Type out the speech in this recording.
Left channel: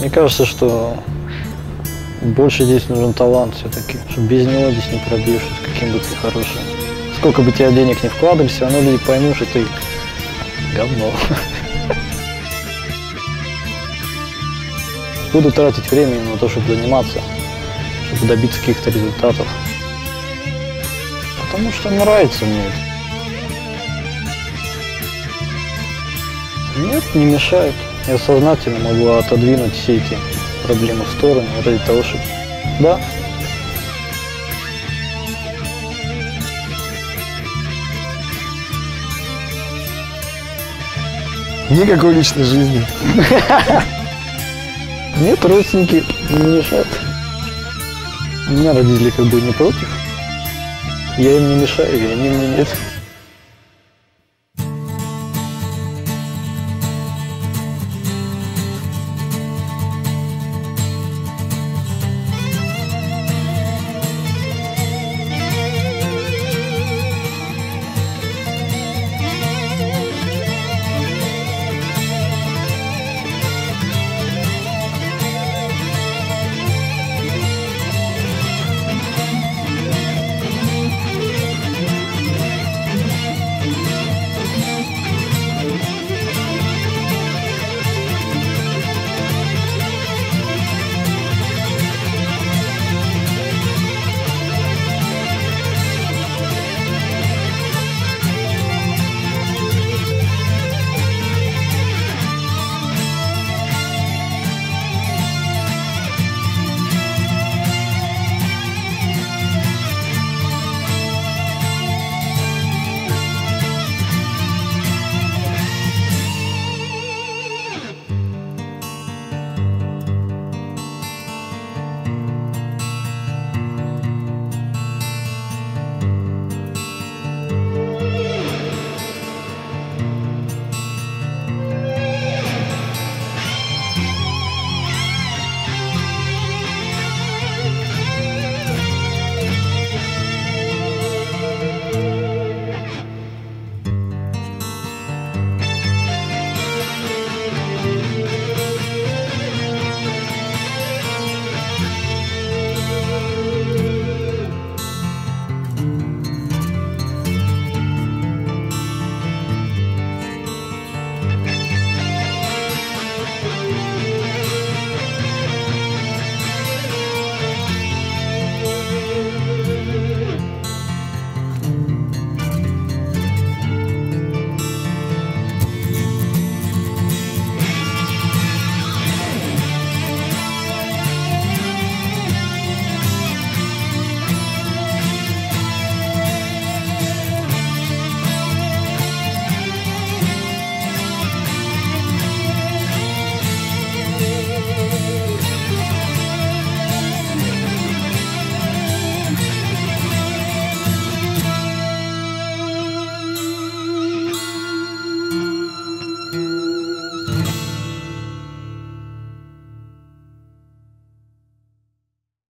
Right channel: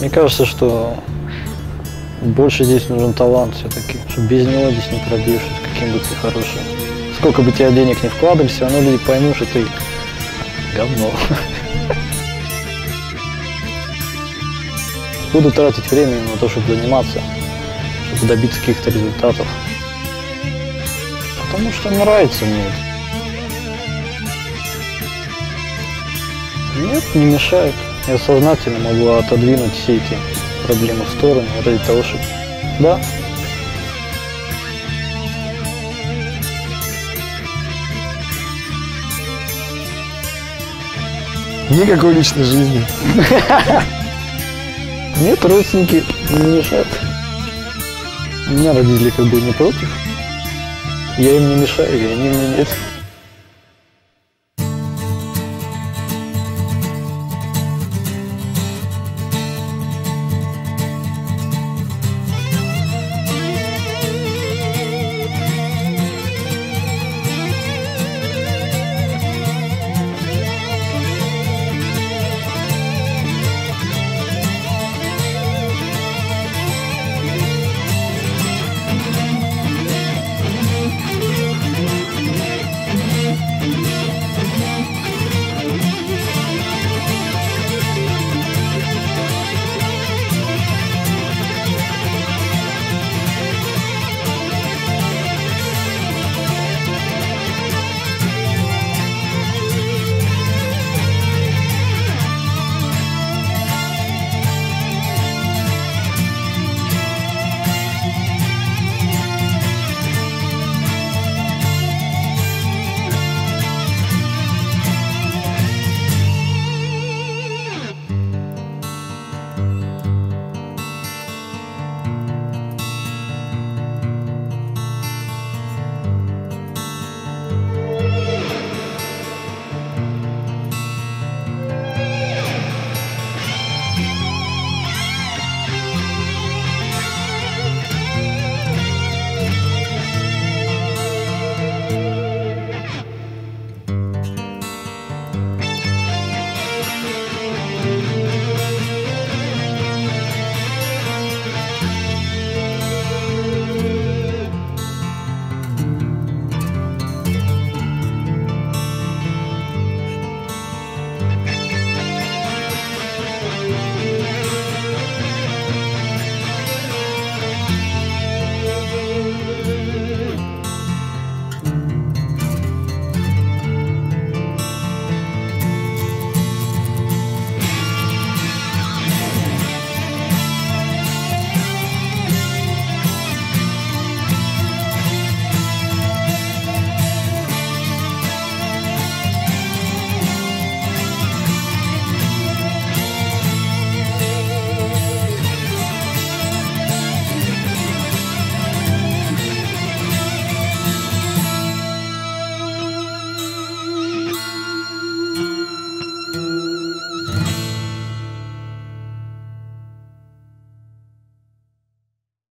Мне кажется, что больше здесь нужен талант все-таки, что без него здесь не пробьешься, каким бы ты хорошим. Сколько бы тебя денег не вкладывали, все равно люди поймут, что ты говно. Буду тратить время на то, чтобы заниматься, чтобы добиться каких-то результатов. Потому что нравится мне это. Нет, не мешает. Я сознательно могу отодвинуть все эти проблемы в сторону ради того, чтобы... Да. Никакой личной жизни. Нет, родственники не мешают. У меня родители как бы не против. Я им не мешаю, и они мне нет.